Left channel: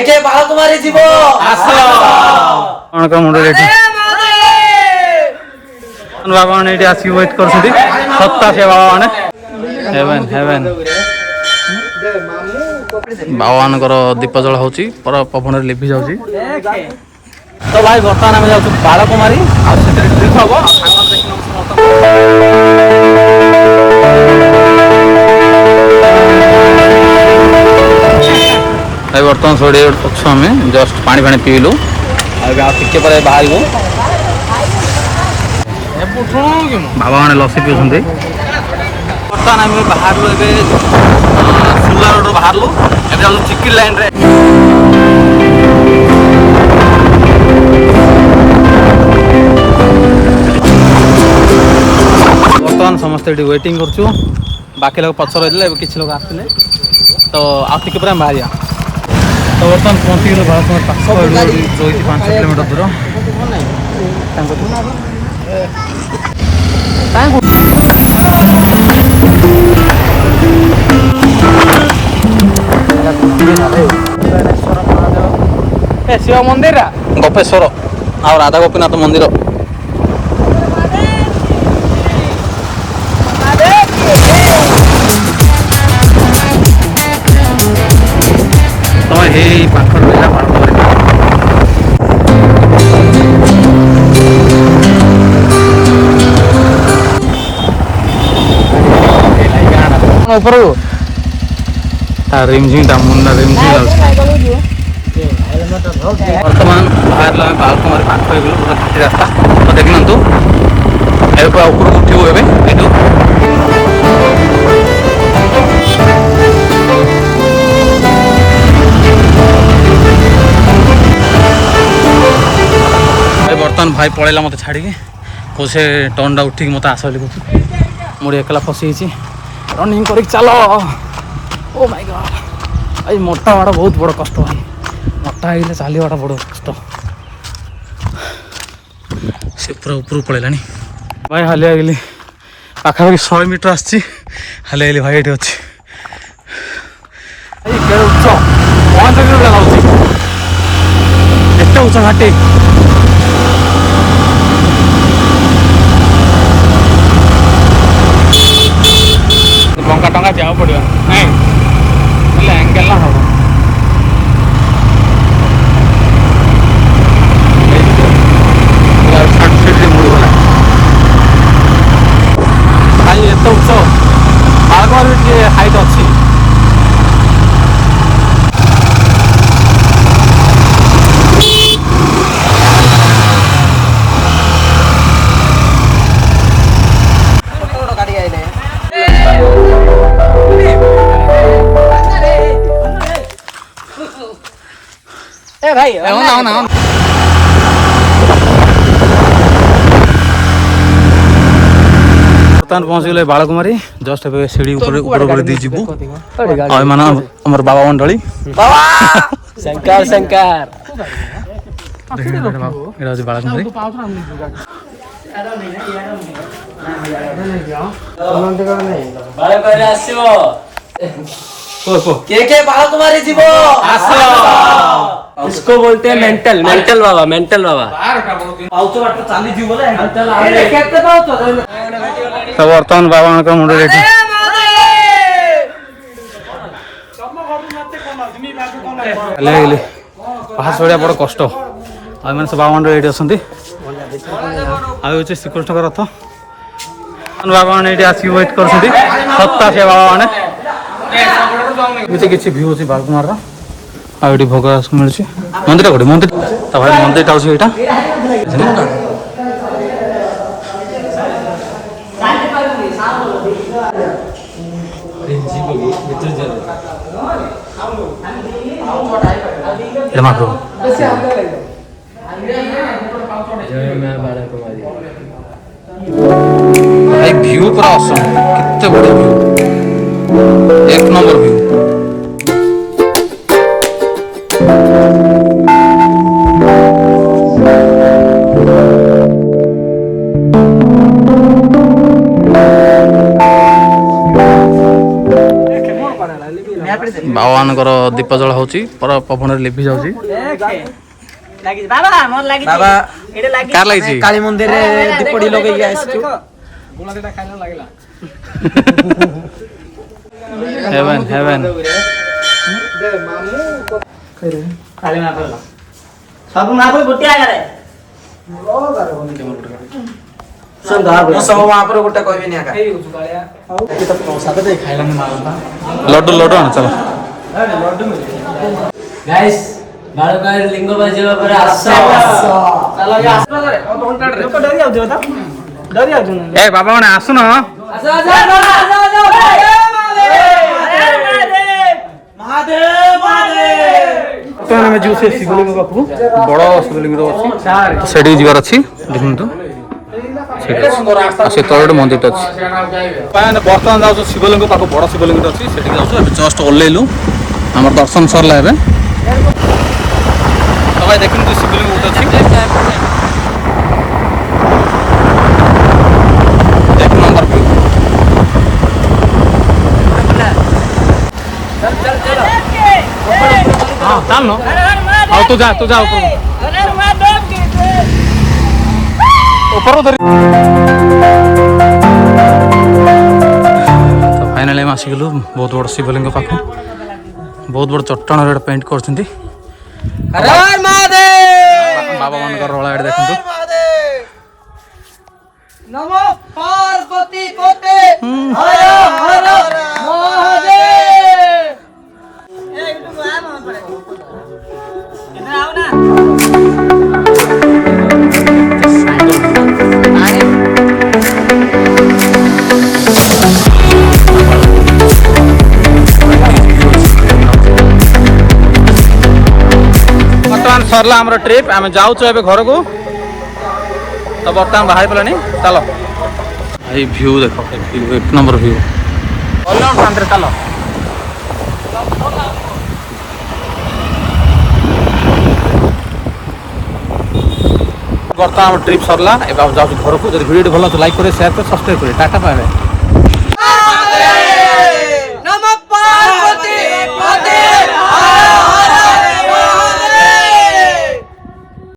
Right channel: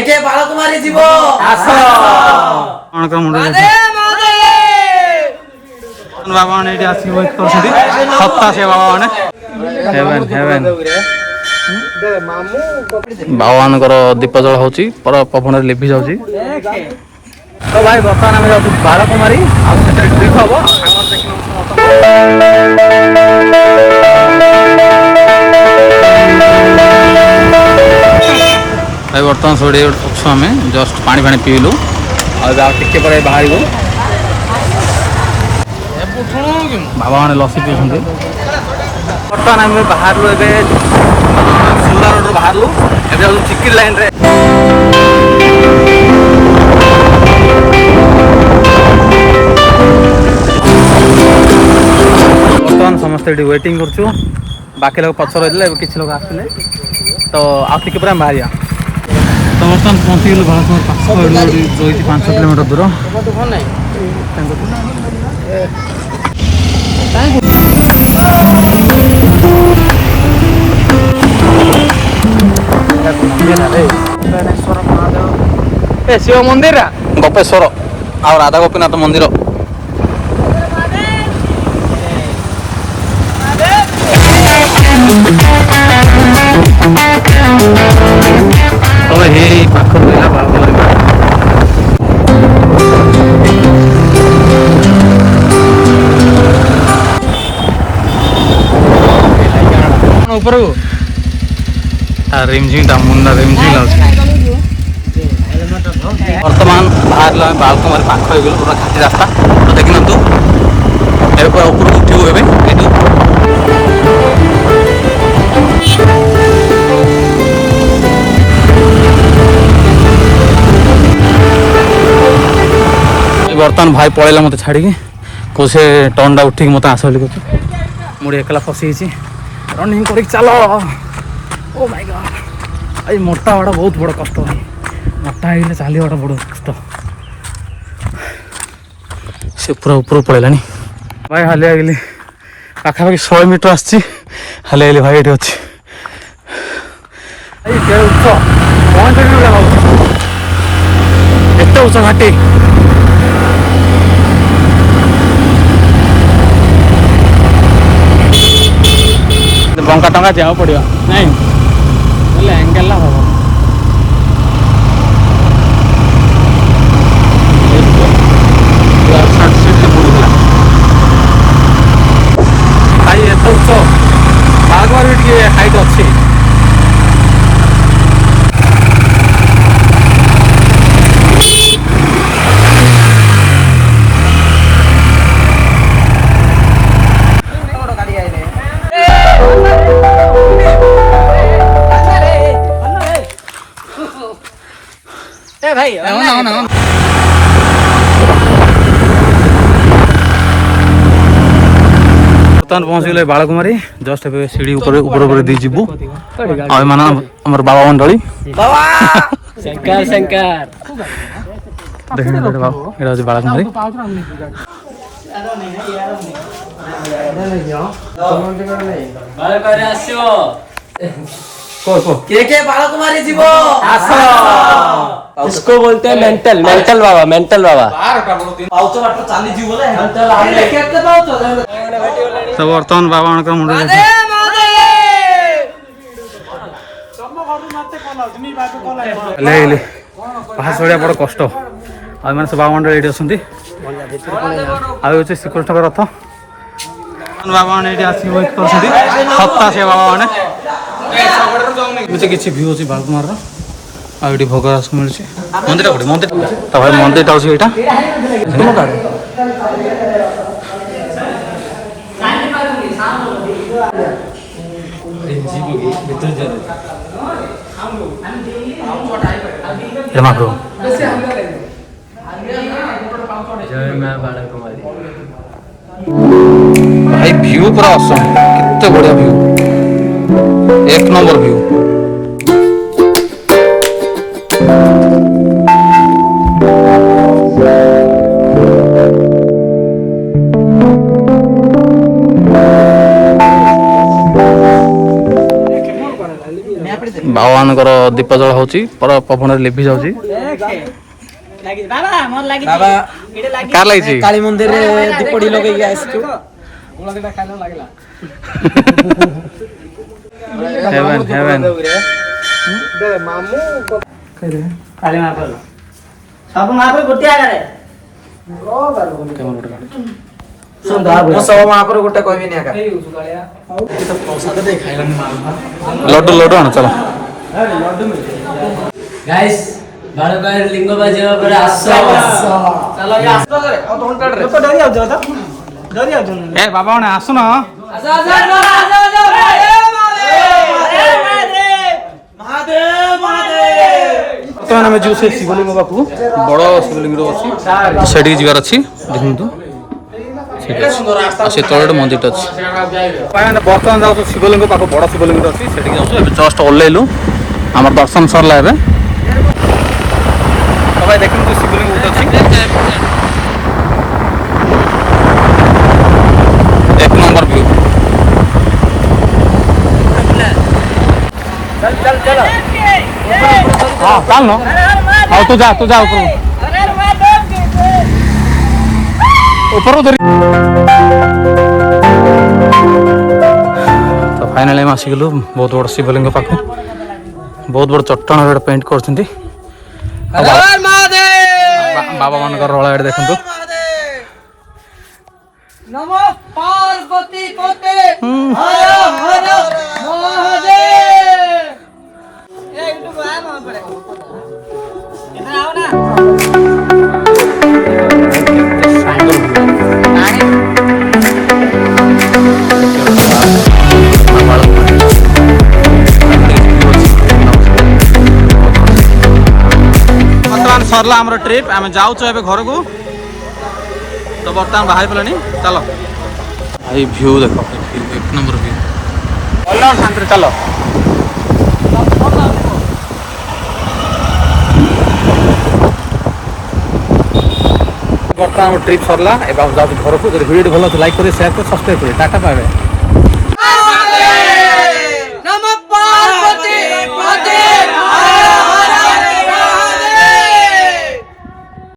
के बालकुमारी जीव आस मुंडे बाबा मैंने ये आसिक वेट कर सत्ता से बाबा मैंने हेवेन हेवेन बाबा मान दीप जल हो पवन लिभि जा तो भाई बर्तमान आम जाऊँ बालकुमारी भाई बर्तमान सोड़े अच्छु आम जस्ट पानी फाणी पीलु आगे पर बाहर बाबा मैंने लसी पीछे बर्तमान आम बाहर शिमला रोड बाहर चिकिर लाइन रे बर्तमान समस्त ये वेटिंग करूँ बाकी लोग पछ रही किसी लोग आसते तो आगे पूरा बाहर तो बर्तमान पहुँची गल बालकुमारी 5 किलोमीटर दूर शिव मंदिर गोपेश्वर आ राधा गोपीनाथ मंदिर तो हे पाख रिमझिम मुंडा रिमझिम बर्तमान बाहर बालकुमारी पाख पूरा घाटी रास्ता तो देखी ना पूरा ऊपर उठू ए बर्तमान भाई पलैला मत छाड़ी को से टर्नटा उठिक मत आस मुझे एकला फसी रनिंग कर चलो ओ माय गॉड आई मोटा वाड़ा बहुत बड़ कष्ट भाई मोटा है चलवाटा बड़ कष्ट से पूरा ऊपर पलैला भाई हालिया गली पाखापाखि 100 मीटर आसी हालिया गली भाई ये अच्छी उच्च 1 उच्च घाटी जाओ पड़ो एंगल ना भाई एत उच्च आगे भी हाइट अच्छी भाई बर्तमान पहुँच गए बालकुमारी जस्ट ए सीढ़ी ऊपर ऊपर दी जीवु मान आमर बाबा मंडली शंकर शंकर बालकुमारी के बालकुमारी जीव आस इसको बोलते हैं मेंटल मेंटल बाबा सब बर्तमान बाबा मुंडे पहाड़ चढ़िया बड़ कष्ट आने सब बाबा मंडल ये आगे श्रीकृष्ण रथ बाबा मैंने ये आसिक वेट कर सत्ता से बाबा मैंने किसी भ्यू अच्छी बालकुमार आगे भोग मिलूँ मंदिर गोटे मंदिर भाई मंदिर अच्छे यहाँ महाप्रभु भाई व्यू पूरा असम कितने बढ़िया व्यू 1 नंबर व्यू ବାବାମାନଙ୍କର ଦୀପ ଜଳ ହେଉଛି ପବନରେ ଲିଭି ଯାଉଛି। ବାବା କାର ଲାଗିଛି କାଳୀ ମନ୍ଦିରରେ ଦୀପଟି ଲଗେଇକି ଆସିଛୁ। ହେଭେନ୍ ହେଭେନ୍ ସବୁ ମହାପ୍ରଭୁ ଗୋଟିଏ ଆଗରେ ମୁଁ ସବୁ ମହାପ୍ରଭୁ ଗୋଟେ କହିବିନି ଆକା। ଲଡୁ ଲଡୁ ଆଣ ଚାଲ। ଗାଇସ୍ ବାଳକାଳ ଲିଙ୍ଗ ବାଜିବା ପରେ ଆସ। ଏ ବାବା ମାନେ ଆସୁନ। ବର୍ତ୍ତମାନ ଆମେ ଯିବୁ ସେ ଶିବଲିଙ୍ଗ ପାଖକୁ। ବଡ଼ ଶିବଲିଙ୍ଗ ଅଛି ସେଠିକି ଯିବାର ଅଛି। ଦେଖନ୍ତୁ ସେଠି ଅଛି ଆଉ ସେ ତଳେ ଗୋଟେ ମନ୍ଦିରଟା ଅଛି। ବର୍ତ୍ତମାନ ଯାଉଛୁ ଶିବଲିଙ୍ଗ ପାଖକୁ। ବଡ଼ ଶିବଲିଙ୍ଗଟା ଅଛି ସେଠିକି ଯାଉଛୁ। ଏବେ ଜଷ୍ଟ ଓହ୍ଲେଇଲୁ ଆମର ଦର୍ଶନ ସରିଲା ଏବେ। ତ ଭାଇ ଦେଖନ୍ତୁ ଶିବଲିଙ୍ଗ ଗୋଟେ ଅଛି। ଏକ ନମ୍ବର ଭ୍ୟୁ। ହଁ ଚାଲ ଆଉ ତୁ ଯା ଉପରକୁ। ତ ଫାଇନାଲି ଆମେ ଆସିଗଲୁ ବହୁତ ବଡ଼ ଶିବଲିଙ୍ଗ ପାଖକୁ। ବହୁତ ବଡ଼ ଚଟାଣରେ ପେଣ୍ଟ କରୁଛନ୍ତି। ବାବା ମାନଙ୍କର ରଳା ଏଠି ଦେଖନ୍ତୁ। ନମୋ ପାର୍ବତୀ ପତେ ହର ହର ମହାଦେବ। ବର୍ତ୍ତମାନ ସରିଲା ଆମର ଟ୍ରିପ୍। ଆମେ ଯାଉଛୁ ଏବେ ଘରକୁ। ତ ବର୍ତ୍ତମାନ ବାହାରି ପଡ଼ିଲାଣି ଚାଲ। ଏଇ ଭ୍ୟୁ ଦେଖ ଏକ ନମ୍ବର ଭ୍ୟୁ। ଶାନ୍ତିରେ ଚାଲ। ବର୍ତ୍ତମାନ ଆମ ଟ୍ରିପ୍ ସରିଲା। ଏବେ ଯାଉଛୁ ଘରକୁ। ଯଦି ଭିଡ଼ିଓ ଭଲ ଲାଗୁଛି ଲାଇକ୍ କରି ସେୟାର କରି ସବସ୍କ୍ରାଇବ୍ କରି ଟାଟା ପାଇବେ।